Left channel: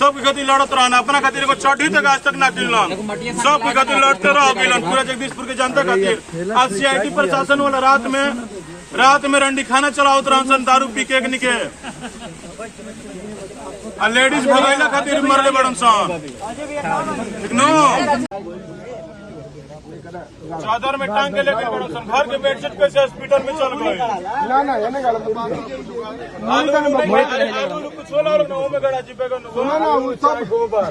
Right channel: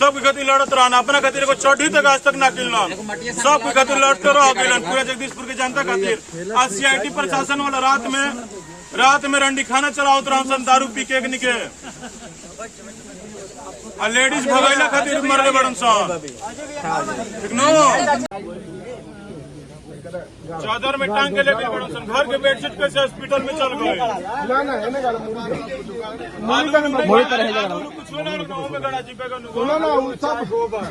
सब गति लड़त रहना अपना खातिर को चढ़ी तक आज तक ना किलना सब गति लड़ते रहो पूरा जगदीशपुर के जनता खातिर। आज CIT प्रशासन वाला रात में रंडी खाना चलाओ तो दारू पी के निके लेडीज भोगैला खातिर मरले बड़न चादर में टांग के लेकर घर के बेडशीट पे से हॉस्पिटल में चल गए ना वो सब गोबर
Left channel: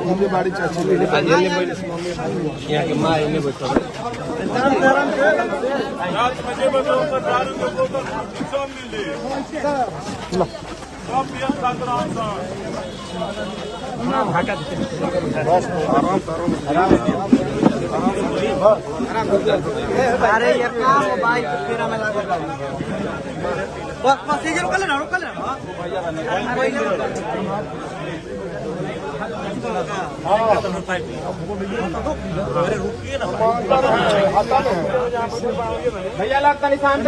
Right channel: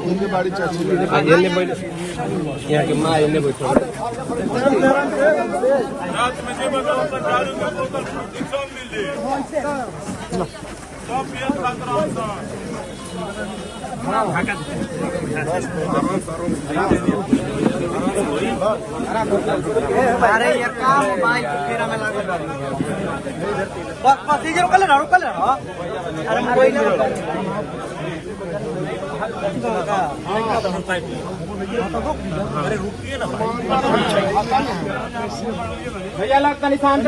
उनके बाड़ी चाची अरे यार क्या मोबाइल तेरा में लगा बस ये रोक ले कोई भैया लाख का निशान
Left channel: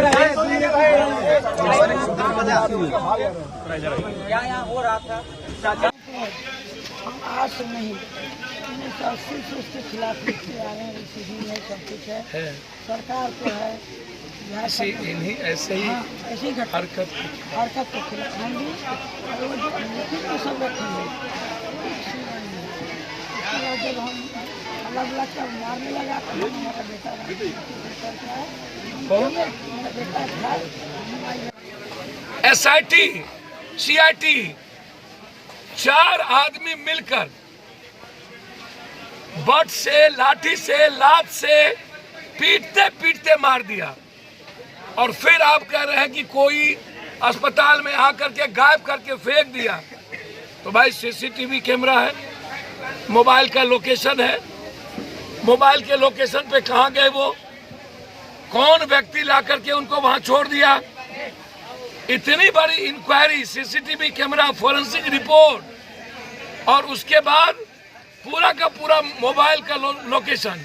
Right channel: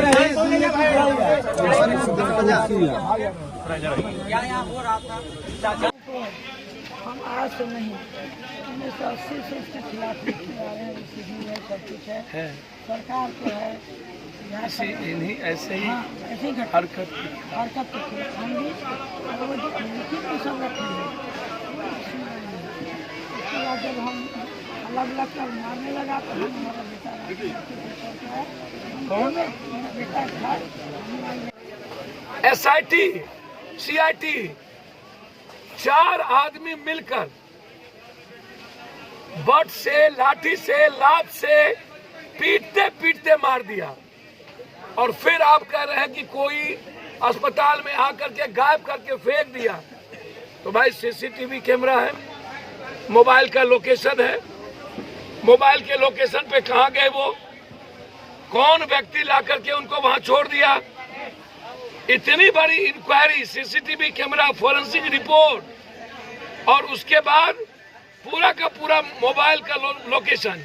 हम आज तो नहीं 1980 से उसके खिलाफ लिखते आ रहे हैं। सीधी है सब कुछ है सरकार तो है इन्हीं ऐसे ही ऐसी हरकत के खिलाफ हम भी लिखित सब रखेंगे। उसके बाद जब हम अलग कर मारने लगा तो हम हमारा बेटा मेरा बेटा था SIT CIT 4 आदमी मिलकर बट से लाठी से लात से पीटते मार दिया और फिर आप कह रहे हैं कि कोई अस्पताल में आकर के गायब करके फेंक दिया। तो भाई CCTV कैमरा है, मोबाइल का लोकेशन है, मोबाइल के लोकेशन पे कहाँ गए वो, कौन व्यक्ति ला करके उनको वहां छोड़ दिया। इतनी बड़ी inquiry, CCTV camera, forensic report और उसके बाद पूरा का पूरा मोबाइल का लोकेशन,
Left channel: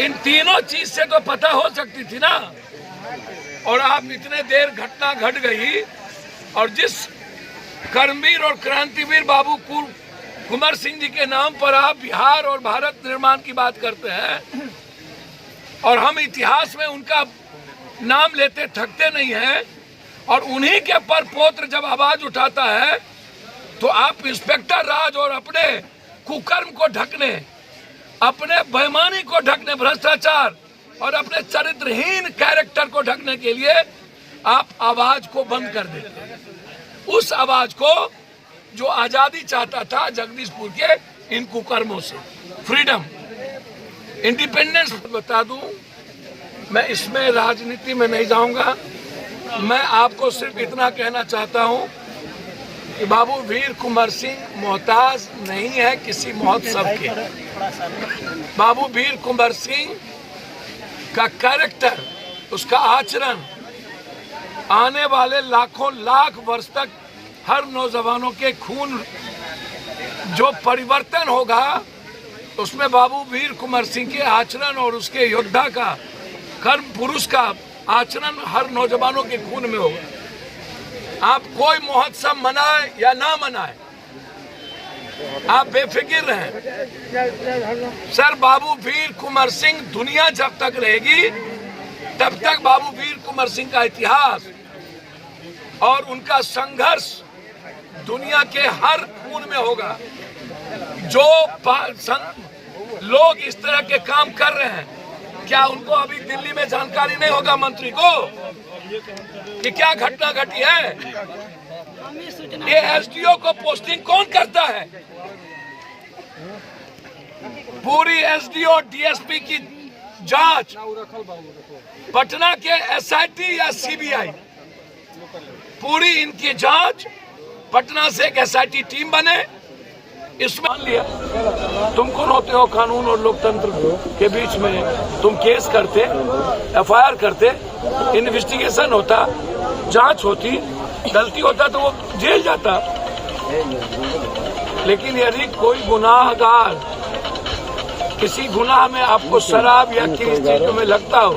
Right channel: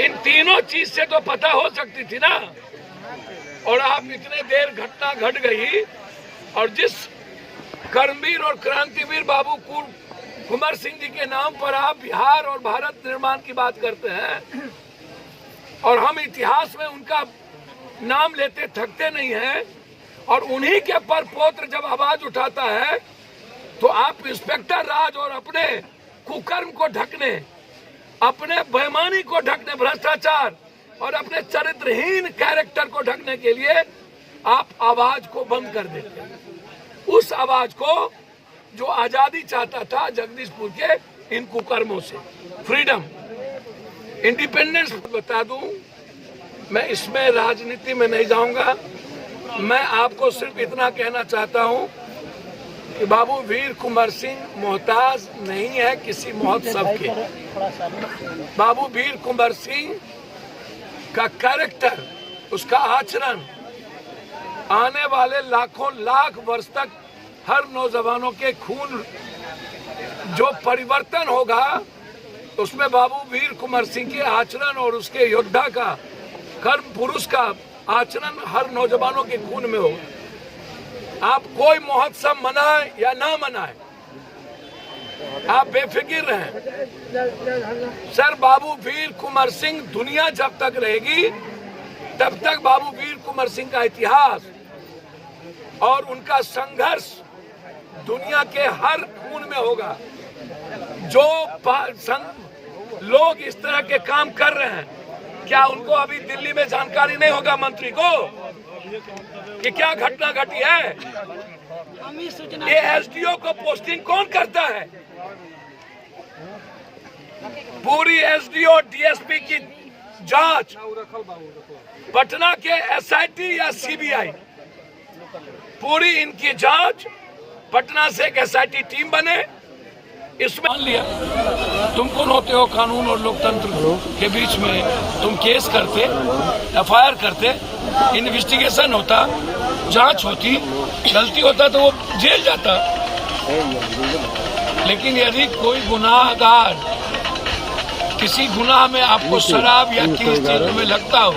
इन तीनों चीज से तो पता हो सकती थी ना। और आप इतने देर घटना घट गई और जिस कर्मवीर और क्रांतिवीर बाबू कुंवर सिंह जी के नाम पर आप बिहार और भारत निर्माण की बात करते हैं और हम इतिहास में उनका नाम लेते थकते नहीं हैं और उन्हीं के पर पोत्र जब आवाज उठाता है तो आप इंस्पेक्टर राज और अपने कुकर्म को ढकने, अपने बेईमानी को ढकने, भ्रष्टाचार और अपने चरित्रहीन कैरेक्टर को ढकने के लिए आप आवाज को बंद कर देते हैं। उस आवाज को जो आजादी चाहता था जगदीशपुर के इन कुकर्मों से, फ्रीडम, इंडिपेंडेंस। बता दूं, मैं इसमें राजनीति में नहीं जाऊंगा। मैं आपको सिर्फ इतना कहना चाहता हूं कि बाबू वीर कुंवर सिंह मोहताज नहीं है किसी महोत्सव के। बाबू वीर कुंवर सिंह का कैरेक्टर, उसका आचरण आने वाले लाखों लाख वर्ष तक हर नौजवानों के खून जो परिवर्तन होगा उसमें बाबू वीर कुंवर सिंह के आचरण और उसके योद्धा का, कर्म पुरुष का आचरण हर नौजवानों के खून में होगा। आप कोई महोत्सव मनाए या ना मनाए, आप बेफिक्र रहें। सर, बाबू वीर कुंवर सिंह दुनिया जब तक रहेगी तब तक बाबू वीर कुंवर सिंह का इतिहास और उनका संघर्ष दुनिया के हर खून में होगा। जो लोग इस तरह के काम कर रहे हैं, क्या उनको अभी दिल्ली में जानकारी नहीं होगा मंत्री को कि क्या घटना घटी है? ये SDO को पोस्टिंग कौन करता है? पूरी SDO DSP की जांच पटना के SIT या CBI, पूरी इनकी जांच पटना से एक SIT टीम बने। इसमें मान लिया तुम कौन होते हो कानून और लोकतंत्र के बीच में? तुम केस करते, FIR करते, इन्वेस्टिगेशन होता, जांच होती, गलती होता तो वो जेल जाता। लेकिन यदि कोई गुनाहगार किसी गुनाह में आपको शराब या किसी चीज में लगता हो,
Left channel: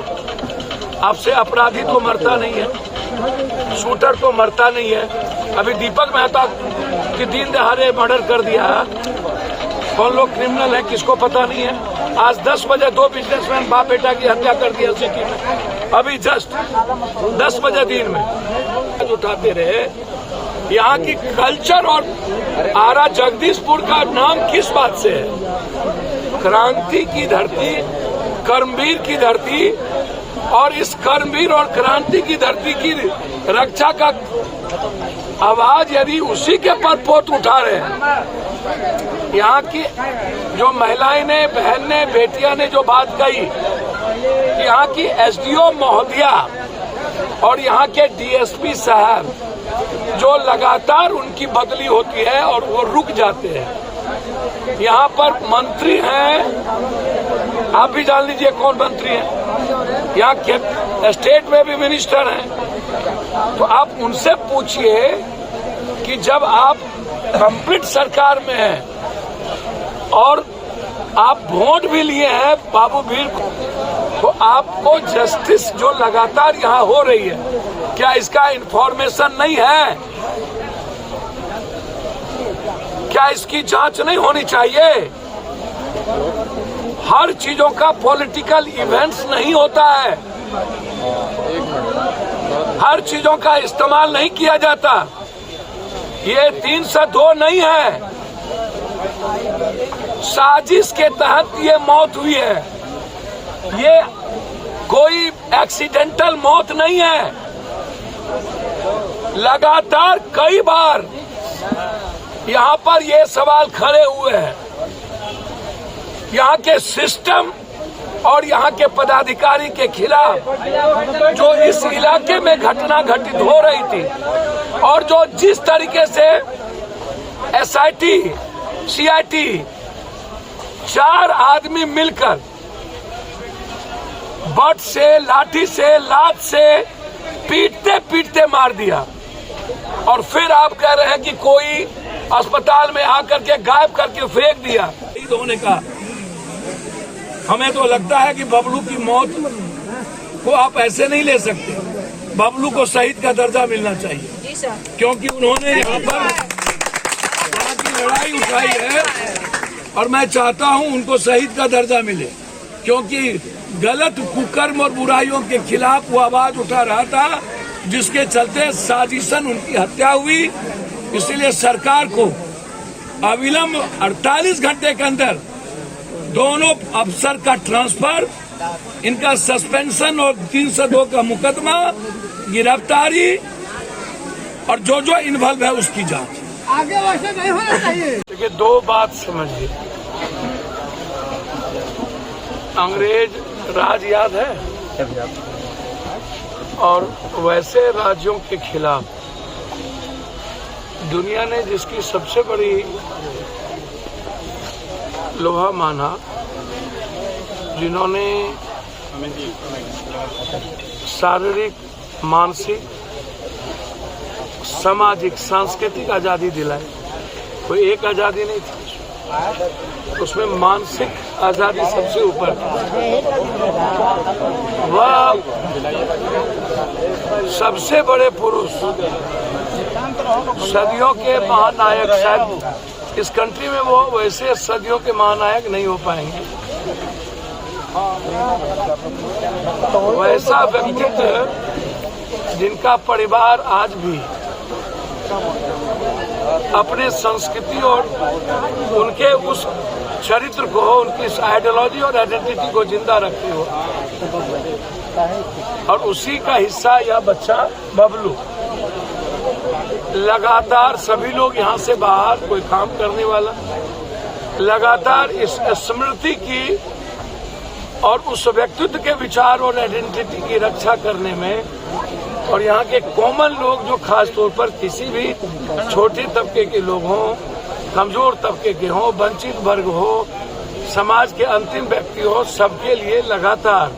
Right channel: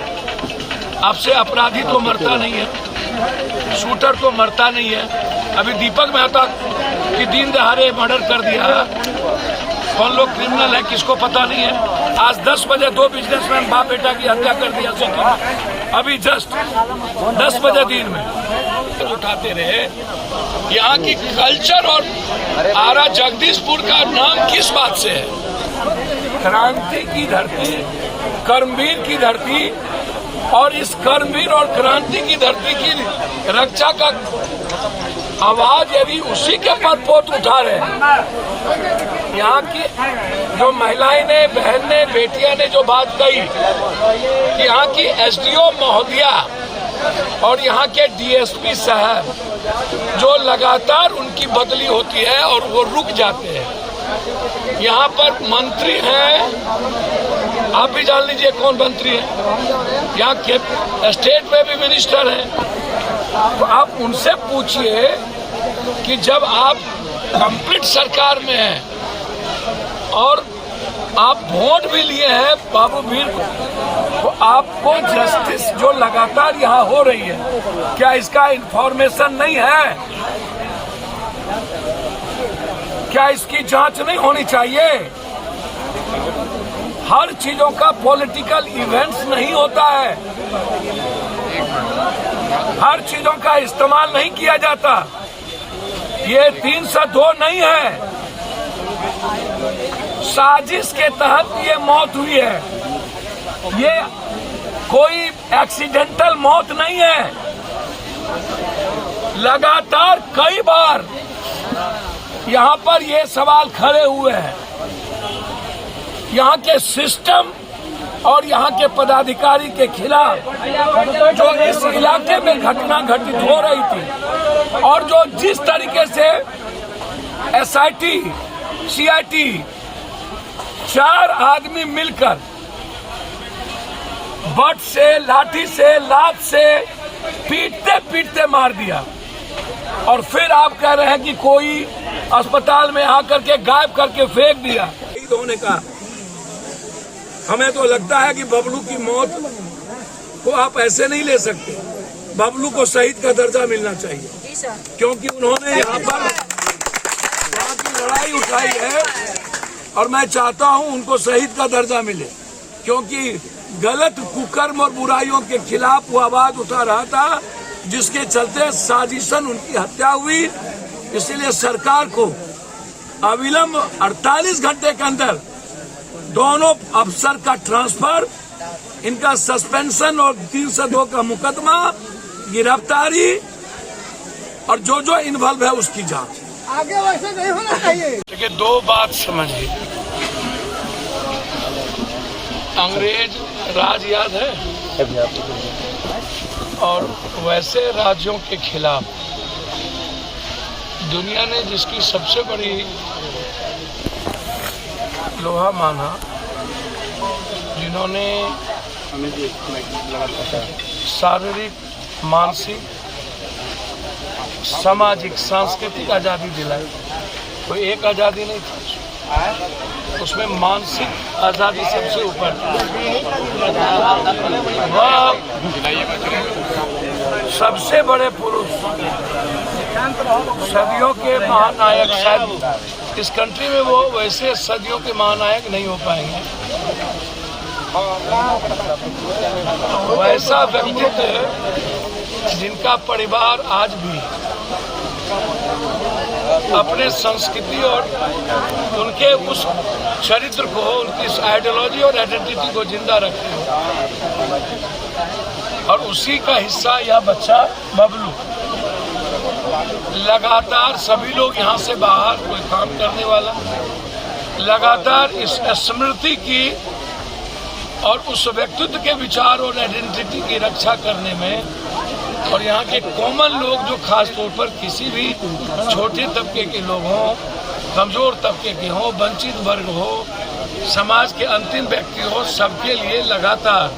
आपसे अपराधी तो मरता नहीं है, शूटर तो मरता नहीं है। अभी दीपक मेहता की दिन दहाड़े मर्डर कर दिया, कौन लोग क्रिमिनल है किसको पता नहीं है। आज 10 बजे 2 बिजनेसमैन बाप बेटा की हत्या कर दिया सिटी में, अभी जस्ट 10 बजे दिन में उठाते रहे। यहाँ की कल्चर और आरा जगदीशपुर का नाम किस बात से है? क्रांति की धरती, कर्मवीर की धरती, और इस कर्मवीर और क्रांति की धरती की रक्षा का आवाज यदि उसी के पर पोत उठा रहे हैं। यहाँ की जो महिलाएं ने, बहन ने, बेटियां ने जो बात कही, यहाँ की एसडीओ महोदया और यहाँ के डीएसपी शहर जो लगातार उनकी बदली होती है और वो रुक जाते हैं। यहाँ पर मंत्री हैं, आप भी जान लीजिए कौन मंत्री हैं, यहाँ के स्टेट में भी मिनिस्टर हैं। तो आप उनसे पूछिए कि जब आप कंप्लीट सरकार में हैं और आप वोट भी लिए हैं बाबू वीर को, तो आपको जस्टिस जो लगातार यहाँ हो रही है, क्या इसका इंफॉर्मेशन नहीं है? क्या इसकी जांच नहीं होनी चाहिए? हर चीजों का पॉलिटिकल इवेंट्स नहीं होता है, हर चीजों का इस्तेमाल नहीं किया जाता। ये 302 नहीं है, साजिश के तहत ये मौत हुई है, ये कोई एक्सीडेंटल मौत नहीं है। लगातार कई बार यहाँ पर ये सवाल खड़े हुए हैं। यहाँ के सिस्टम और यहाँ के पदाधिकारी के खिलाफ जो इस इलाके में घटना घटित हो रही थी और जो जिस तरीके से एसआईटी, सीआईटी 4 आदमी मिलकर बट से, लाठी से, लात से पीटते पीटते मार दिया, और फिर आप कह रहे हैं कि कोई अस्पताल में आकर के गायब करके फेंक दिया। शहीद होने का हमें तो लगता है कि बबलू की मौत को आप ऐसे नहीं ले सकते। बबलू को शहीद का दर्जा मिलना चाहिए, क्योंकि उन्होंने यहाँ पर वहाँ की लड़ाई उठाई है, और मैं चाहता हूँ उनको शहीद का दर्जा मिले, क्योंकि गलत कुकर्म और बुराइयों के खिलाफ वो आवाज उठा रहा था, जिसके चलते साजिशन उनकी हत्या हुई। इसलिए सरकार को अविलंब 48 घंटे के अंदर दोनों अफसर का ट्रांसफर, इनका सस्पेंशन और 302 का मुकदमा, गिरफ्तारी और जो जो इन्वॉल्व है उसकी जांच। आगे वैसे नहीं होना चाहिए। देखिए, 2 बात समझिए। अंग्रेज राज याद है, और वैसे राज्यों के खिलाफ दुनिया ने जिसकी सबसे बड़ी लोहा माना, जिन्होंने शारीरिक, मानसिक, सामाजिक, सांस्कृतिक आज़ादी दिलाई, कोई एक आज़ादी नहीं थी, उसमें मानसिक आज़ादी सबसे ऊपर थी। वह सबसे बड़े पुरुष, सदियों के महानायक, शायद इस कंट्री में वो वैसे सदियों के महानायक नहीं हो पाएंगे। वैसा व्यक्तित्व जिनका परिवार आज भी अपने संस्कृति और उनके उस चरित्र को, उनकी आइडियोलॉजी और आइडेंटिटी को जिंदा रखे हो, और उसी का हिस्सा यह बच्चा बबलू। लगातार सभी लोग यहाँ से बाहर, कोई काम करने वाला, लगातार इस स्मृति की और उस व्यक्तित्व के विचार और आइडेंटिटी की रक्षा करने में, और यहाँ के कॉमन लोग जो खास तौर पर किसी भी छोटे तबके के लोग हों, कमजोर तबके के हों, वंचित वर्ग हो, समाज के अंतिम व्यक्ति हो, सबके लिए लगातार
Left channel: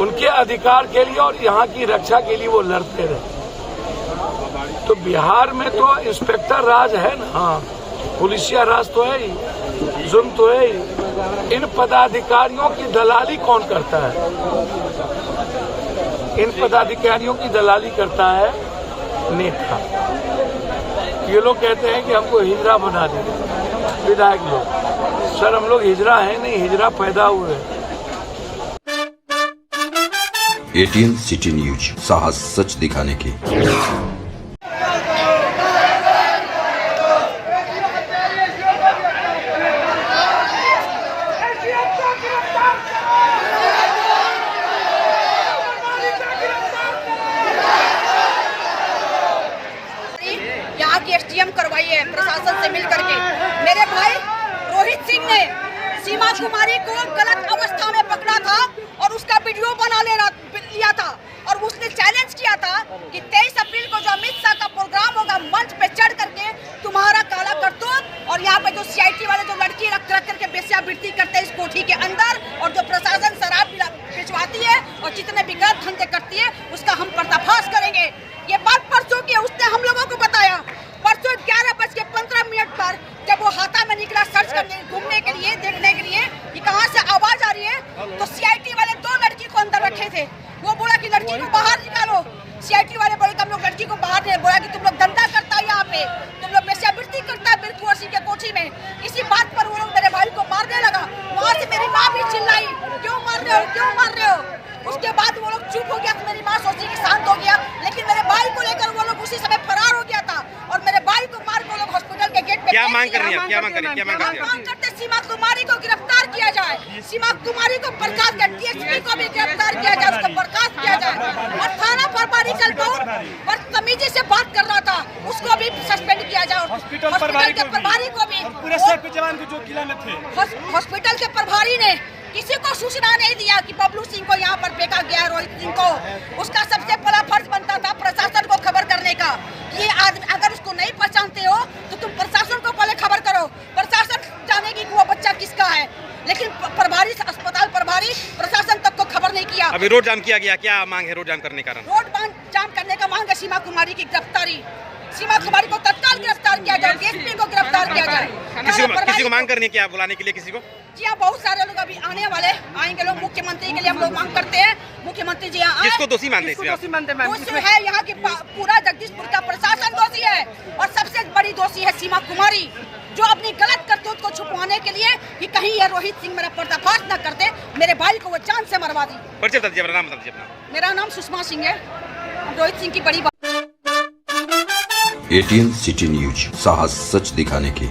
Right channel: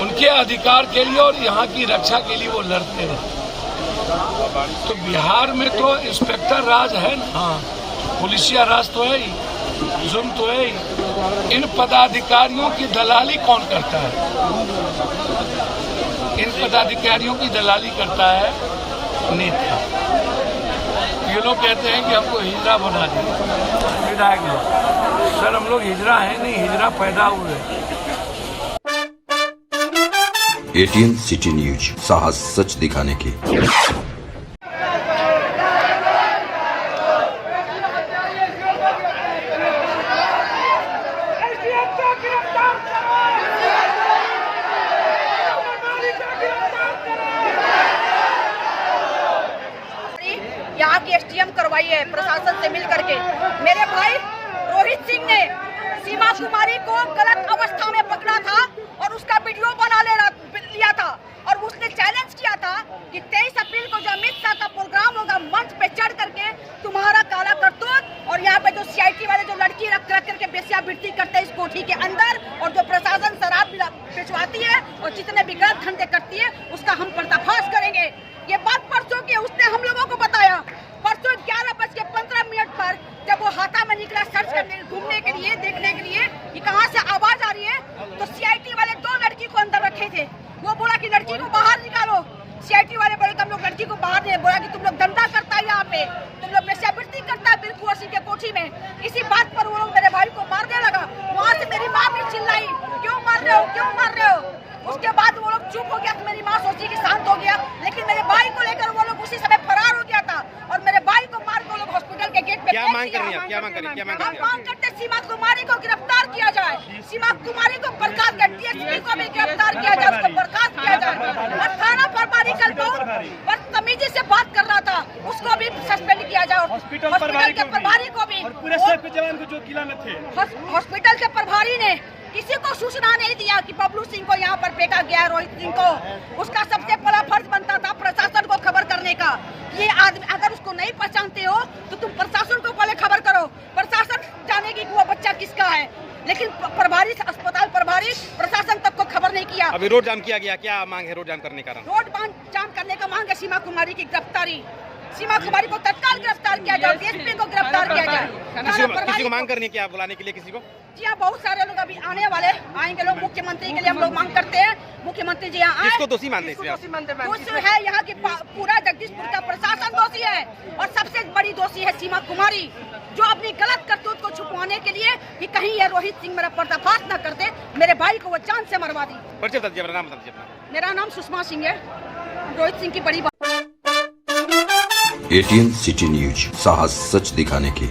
उनके अधिकार के लिए और यहाँ की रक्षा के लिए वो लड़ते रहे। तो बिहार में तो इंस्पेक्टर राज है ना, हाँ, पुलिसिया राज तो है ही, जुल्म तो है ही। इन पदाधिकारियों की दलाली कौन करता है? इन पदाधिकारियों की दलाली करता है नेता। ये लोग कहते हैं कि हमको हिजड़ा बना दिया विधायक लोग। सर, हम लोग हिजड़ा है नहीं, हिजड़ा पैदा हुए। ATN सिटी न्यूज, साहस सच दिखाने की। यहाँ की SDM करवाई है प्रशासन से मिल करके। मेरे भाई रोहित सिंह ने सीमा कुमारी को गलत अवस्था में पकड़ा था और उसका वीडियो बना लिया था और उसने चैलेंज किया था कि 23 अप्रैल को जो अमित शाह का प्रोग्राम होगा, मंच पे चढ़ करके तुम्हारा काला करतूत और यहाँ पे जो CIT वाले जो लड़की रख करके वेश्यावृत्ति करते हैं इस कोठी के अंदर, और जो प्रशासन शराब भिजवाती है और जितने भी गलत धंधे करती है उसका हम पर्दाफाश करेंगे। ये बात परसों की उसने हम लोगों को बताया। परसों 11:15 पर जब वो हाथा में निकला सर्च करने घूमने के लिए, देखने के लिए कि कहाँ से आवाज आ रही है, तो CIT वाले 2 लड़की को अंदर रखे थे। वो बोला कि लड़की को बाहर निकालो। CIT वाले बोले कि हम लोग लड़की को बाहर नहीं, बोला कि तुम लोग धंधा करता है यहाँ पे, तुम लोग वेश्यावृत्ति करता है बिरकुंवर सिंह के कोठी में। इसी बात पर वो लोग मेरे भाई को मारने लगा। वहाँ से मेरी माँ भी चिल्लाई, क्यों मार रहे हो, क्यों मार रहे हो। उसके बाद वो लोग चुप हो गया तो मेरी माँ सोची कि शांत हो गया, लेकिन मेरे भाई को लेकर वो लोग उसी समय फरार हो गया था और मेरे भाई को मार को लोग हॉस्पिटल के गेट पे। क्या मांग कर रही है? क्या मांग कर रही है? मांग करते सीमा कुमारी को गिरफ्तार किया जाए, सीमा कुमारी को बर्खास्त कर, DSP को भी गिरफ्तार किया जाए, उसको बर्खास्त किया जाए। और थाना प्रभारी कल को बदतमीजी से बात कर रहा था उसको भी सस्पेंड किया जाए। हॉस्पिटल के प्रभारी को भी, पूरे सेफ जवान को जो किला में थे, हॉस्पिटल के प्रभारी ने किसी को सूचना नहीं दिया कि बबलू सिंह को यहाँ पर फेंका गया है, रोहित सिंह को। उसका सबसे बड़ा फर्ज बनता था प्रशासन को खबर करने का कि ये आदमी, अगर उसको नहीं पहचानते हो तो तुम प्रशासन को पहले खबर करो, प्रशासन जानेगी कि वो बच्चा किसका है। लेकिन प्रभारी, अस्पताल प्रभारी प्रशासन तक को खबर नहीं किया। अभी रोड जाम किया गया, क्या मांग है रोड जाम करने का? रोड जाम करने का मांग है सीमा कुमारी की गिरफ्तारी। सीमा कुमारी को तत्काल गिरफ्तार किया जाए, DSP को गिरफ्तार किया जाए। किसी को मांग करनी है क्या, बुलाने के लिए किसी को? जी हाँ, बहुत सारे लोग अभी आने वाले आएंगे लोग। मुख्यमंत्री के लिए हम लोग मांग करते हैं, मुख्यमंत्री जी यहाँ किसको दोषी मानते हैं? दोषी है यहाँ की पूरा जगदीशपुर का प्रशासन दोषी है और सबसे बड़ी दोषी है सीमा कुमारी, जो अपनी गलत करतूत को छुपवाने के लिए कि कहीं ये रोहित सिंह मेरा पर्दाफाश न कर दे, मेरे भाई को वो जान से मरवा दी। परिचय बता दीजिए, अपना नाम बता दीजिए अपना। मेरा नाम सुषमा सिंह है, रोहित सिंह की बड़ी। ATN सिटी न्यूज, साहस सच दिखाने की।